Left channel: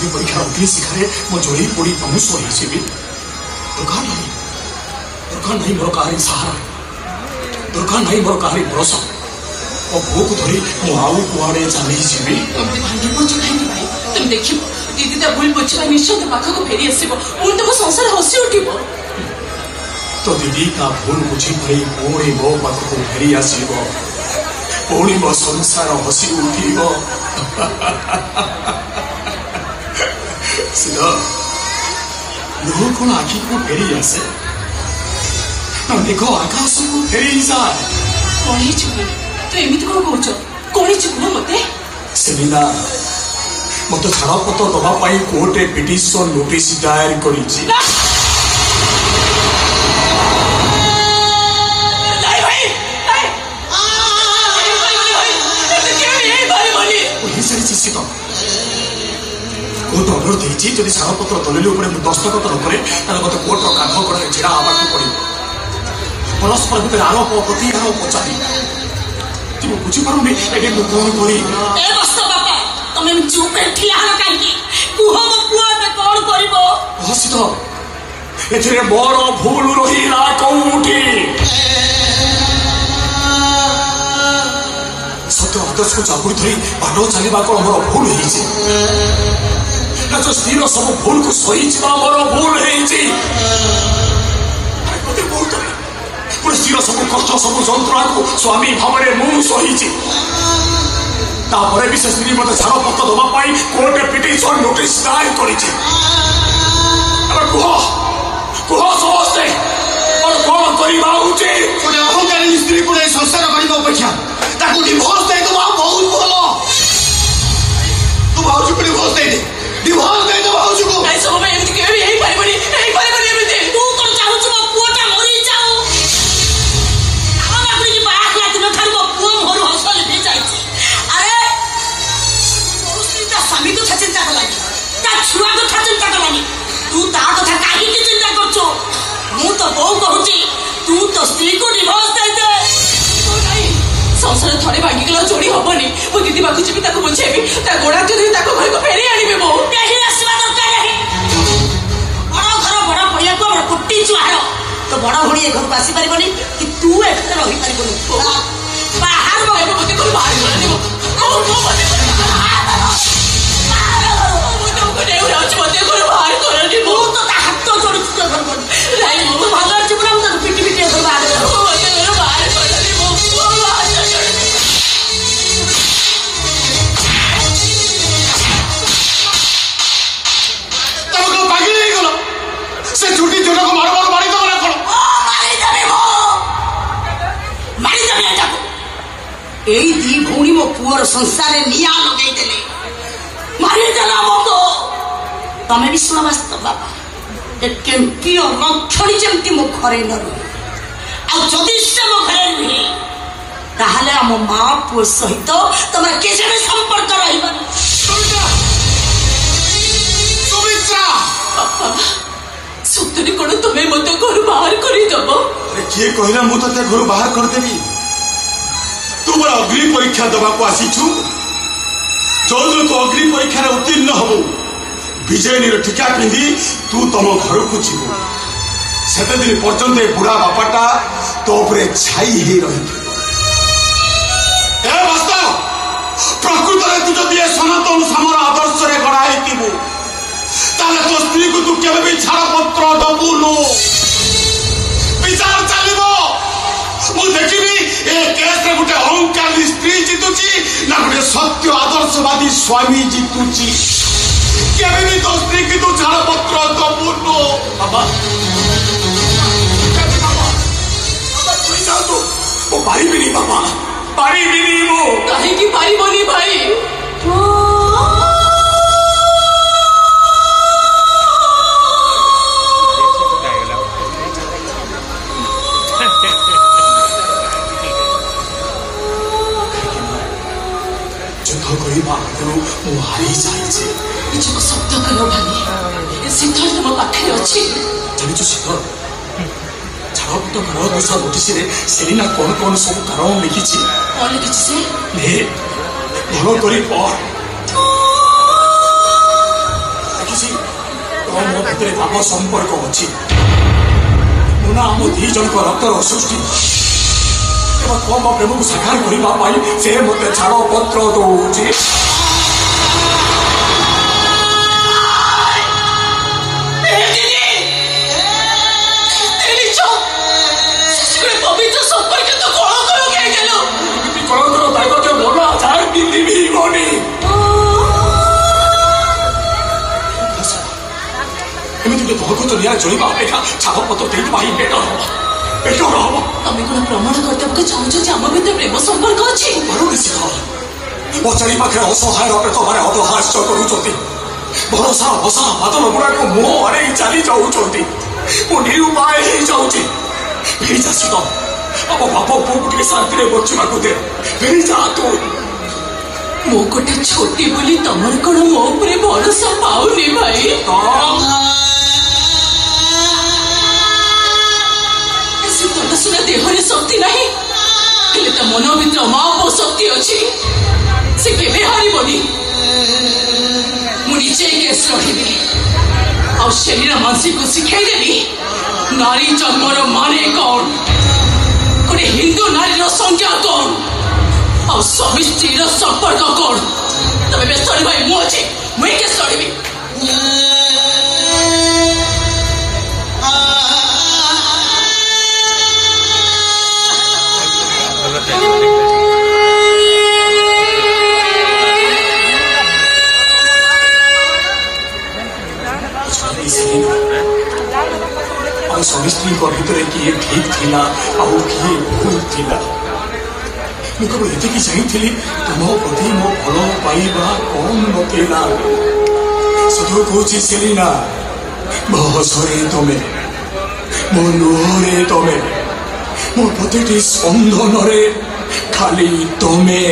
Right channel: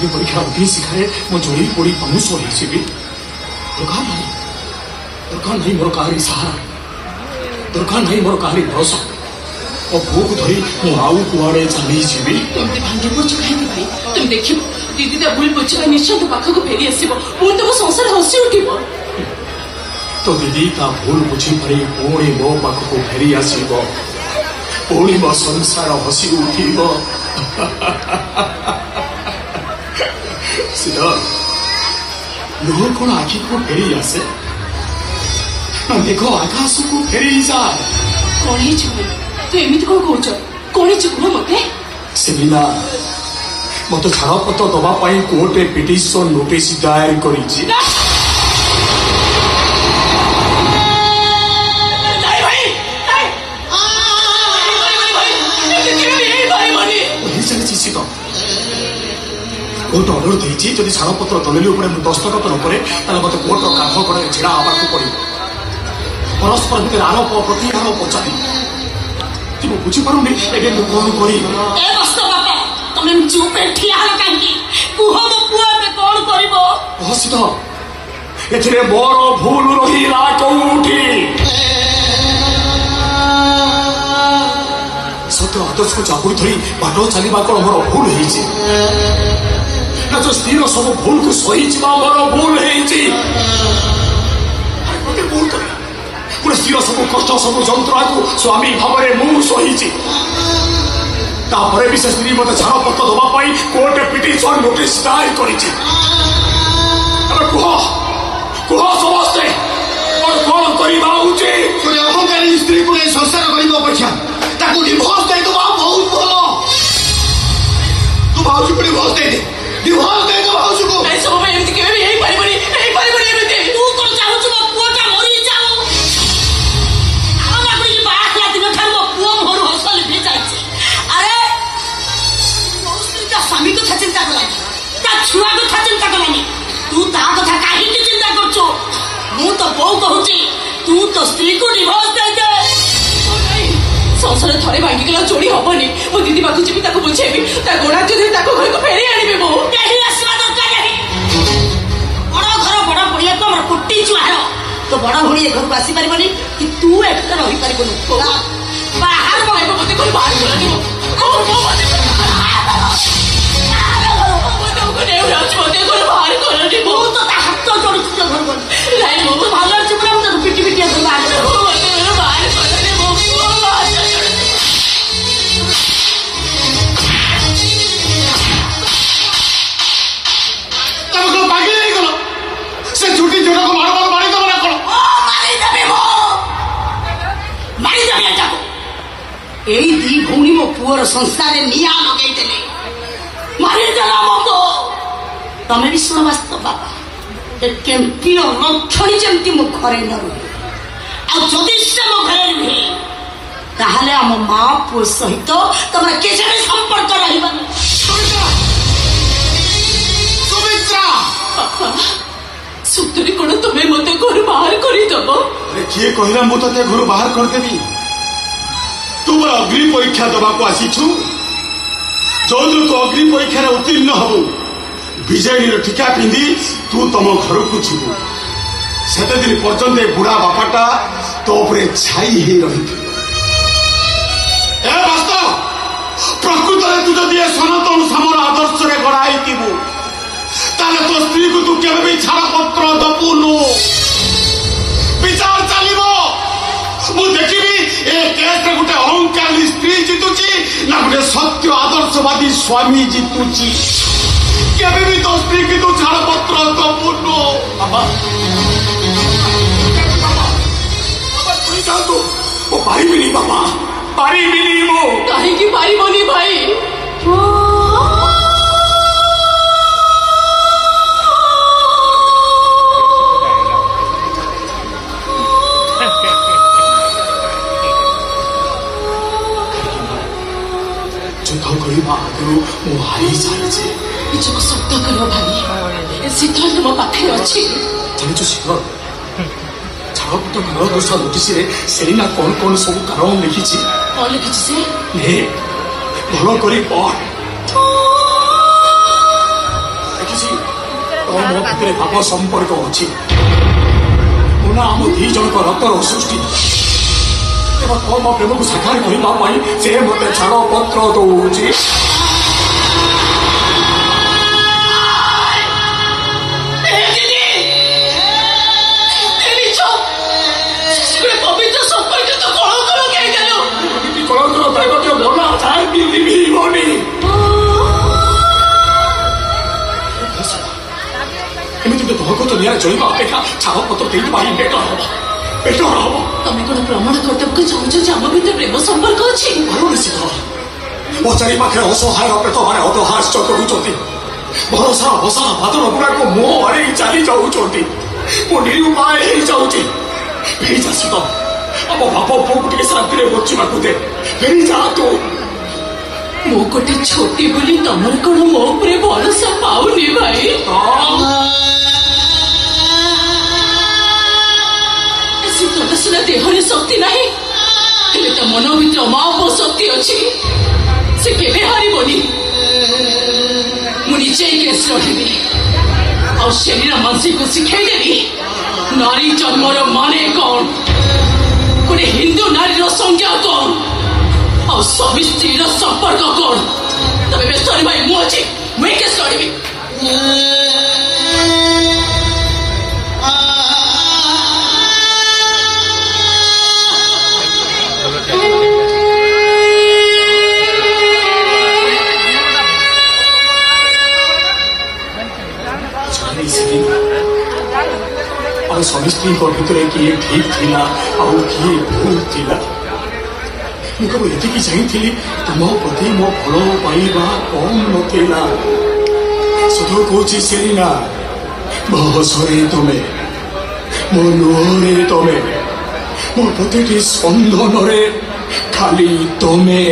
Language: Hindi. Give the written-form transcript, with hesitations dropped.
अग्नि परीक्षा अग्नि शिखारे मो जोड़ी पड़ी पहुंच रही दुर्गा नहीं मोर कहानी सहारा दुर्गा नहीं मोर कहानी भरोसा और भूख धरी मु आउ कुआड़े चली जीवी तुमने भांगे पड़ भाई तुम देखियो दीदी ता भूल पछा निश्चय तो पाख को फेरी आसीबो पुणी तुम संसार हसी उठिबो तो दीदी का भूल बुझी पड़ी पुणी मो पाख को फेरी आसीबो पुणी मो संसार हसी उठिबो सिद्ध लुह कौन आखि को फेरी आसे देखो आकाश को फेरी जाए कौन तू एमती कौन कौच कौन कह मत सेलिना मत छाड़पत्र दवाई कोर्टे पिटिशन नोटिस दायर कर कोर्ट ऑर्डर देती जदि छाड़पत्र दलिल दस्तखत न करे मत कोर्टर काठ कड़े ढड़ा आवाक पड़ो परस्पर भितर आरोप प्रति आरोप चाली तू बुझीपारुनी एगे कौन करी तुम चुप ठिया कहीं कुह मो पुआ कौन कर सिद्ध एथिरे मोर भूल रहीला कौटी सत्य आदर्श को जागुरी धरी बाट चलवा कौन मोर भूल जो स्त्री सब भूल को सही मोर भूल स्त्री सब कष्ट सब जंत्रणा को स्वामी भाव में सही तापर भी से स्त्री मत छाड़पत्र दवाई कोर्टे पिटिशन नोटिस दायर कर कह समस्ते कौन करवा उचित अहंकारी स्त्री को संस्कार करने अपेक्षा डिभोर्स देदेबा बहुत भल तू भाज को डिभोर्स दे डिभोर्स दे दे भाज को नहीं सब में एमती केबे यही पाइबनी एमती तू कोन चाहू छ पुआटा मरी जाओ आ बाकड़ी की बात लाती न थार पुआ मोर हसल भी जाई अरे दोस्ती का स्वामी तो चिंता करलानी ता छुआ को चिंता करलानी तू ता कथा काहे की चिंता करछो मु तो बहु कहूची तू तो स्त्री को डिभोर्स दे दे संसार थोड़े भांगिगला चोरी हबनी मो दीदी बाकू जी ताको बुझेबी ता गोड़ा के धरी ताको घर को फेरी आनिबे मो यही आसवा दरकार नहीं बड़ा घर बड़ा पहिया को हमर कुट्टी चुहार तो बड़ा भणी ए घर को आसी परिबनी कि तू एते रही परिबनु बाहर बगे मते कोई बाहर करनी ओ मो तुमको नहीं राज मते कोई बाहर करनी मो तो हाथ तो जोड़ तो घर को लाई मो भाला जीवन तो पिटी पिटी घर बाहर मते बाहर करनी मो से झूठी झूठा को मार मारी दो ना करो मारी देबे मो मारी देबे जाको एई दी भौणी मो पुअर संसार में निया लगाई देले मारी देला मको तमे भी सुन वास्तव बाबा ए केमती रक्षणी जेमती मो घरे न रही आ जदि से मो घरे नहीं ताहले हम मां पुଅ सहित तमरा केजे संपर्क रहिबनी सुमित्रा सतरी कोन तुम्हें मते घर बाहर करी दबो किए कहला मु तते घर बाहर कर देबी तू मोर अग्नि परीक्षा दबा को आसी छु जोन तो अग्नि परीक्षा रे उत्तीर्ण हबो विजयनी टीका पिंदी तू तम घर को जीवो सेते दिन पर्यंत बुढ़ा बापाटा तो ऊपर छाई ही रही ए वास्तव प्रकृत रे तू जदि सनातन समर आदर्श रे गड़ाई दिबो ताले तो स्त्री को तू केबे भी छाड़पत्र दबुनु विचार चलिबो मु देखिबी ए केस रे गुटे अहंकारी स्त्री जितुची ना गुटे सत्य आदर्शवादी स्वामी जितुची केबे भी तो स्त्री की तू छाड़पत्र दबुनु बाबा तू जा तो ओ पारिबी नहीं बाबा पारिबी नहीं मो काहे की पारिबनी भाई हारी जाए निजको शब्द करो भाई सिद्धांत मो पाखे अच्छी जानिଛୁ ଶିଖର ଛାଡ଼ପତ୍ର ଘର ଦୋଷା ନୋଟିସରେ ସେଲିନା କଣ କଣ ସବୁ କାରଣ ଲେଖିଛି କଣ ଲେଖିଛି ସେ ନେ ଭଲ କରି ପଢ ମୋ ଭିତରେ ଭାବ ସମ୍ପର୍କ ଅଛି। ମୁଁ ନା ଆମ ଦି ଜଣଙ୍କ ରକ୍ତର ସୃଷ୍ଟି। ଏବଂ ତମ ପ୍ରେମକୁ ସାକାର କରିବା ପାଇଁ ସେ ମୋତେ ଛାଡ଼ପତ୍ର ଦଉଛି। କଳଙ୍କର ଦାୟିତ୍ୱ ଭଲ ଆଚାର ପିନ୍ଧିବି ଗନି। ଏମିତି ତମକୁ ତ ନିଆଁ ଚଳିବା ଅପେକ୍ଷା ଛାଡ଼ପତ୍ର ଦେଇଦେବା ହିଁ ବେଟର ହବ। ତମେ କଣ ପ୍ରମାଣ କରିବାକୁ ଚାହୁଁଛ ଯେ ଆମ ଭିତରେ ପ୍ରେମ ସମ୍ପର୍କ ଅଛି? ନିଶ୍ଚିତ ମୋ ଚାରି ପାଖରେ ଅସହାୟ ଅପେକ୍ଷମାନେ ଅଧହାସ୍ୟ କରୁଛନ୍ତି। ଭରସା ଭସା ବାଦଲ ଗୁଡାକ ମୁହଁ ଆଡ଼େଇ ଚାଲି ଯାଉଛନ୍ତି। ମୁଁ ନିରୁପାୟ ହେଇଯାଉଛି। ହେଇଯା ଶୀତ, ଆମ ବାପ ପୁଅକୁ ଟିକେ ଶାନ୍ତିରେ ବଞ୍ଚିବାକୁ ଦେ। ହେଇଯା ତୁ। ମୁଁ ଗୋଟେ ଛୋଟି ବୋଲି ତମର କଣ ମୋ ଉପରେ ଭରସା ପାଉନି ଭାଇ? ଶୀତଳ ସୁନା ଦେହରେ ଶକ୍ତି ନାହିଁ, ହେଲେ ତା ମନ ଭିତରେ ଅମାପ ଶକ୍ତି ଅଛି। ସେ କେବେ ହାରିବନି। ମୁଁ ନିଜେ କେସ୍ ରହିବି ଆଉ ଶରୀର ମାଂସୀକୁ ଶିଖେଇଦେବି ନାରୀ ଜନ୍ମର ମାନେ କଣ, ଗୋଟେ ହିନ୍ଦୁ ନାରୀର ସଂଜ୍ଞା କଣ, ଆଉ ସ୍ୱାମୀ ସ୍ତ୍ରୀର ସମ୍ପର୍କ କଣ। ତମେ ବ୍ୟସ୍ତ ଭାଇ, ମୁଁ ଅଛି, ମୁଁ କେସ୍ ଲଢ଼ିବି। ଆମ ସ୍ୱାମୀ ସ୍ତ୍ରୀଙ୍କ ଭିତରେ କିଏ ଠିକ୍ ଥିଲା ଆଉ କିଏ ଭୁଲ ଥିଲା। ମୁଁ କେବଳ ଏତିକି ଚାହିଁଥିଲି ତୁମ ପ୍ରତି ମୋ ଭଲ ପାଇବା କମ୍ ନଥିଲା। ସତ କହୁଛି ସେଲିନା, ମୋ ହସରେ ତମେ, ମୋ ଲୁହରେ ତମେ, ମୋ ପ୍ରତିଟି ସ୍ପନ୍ଦନରେ ଖାଲି ତମେ।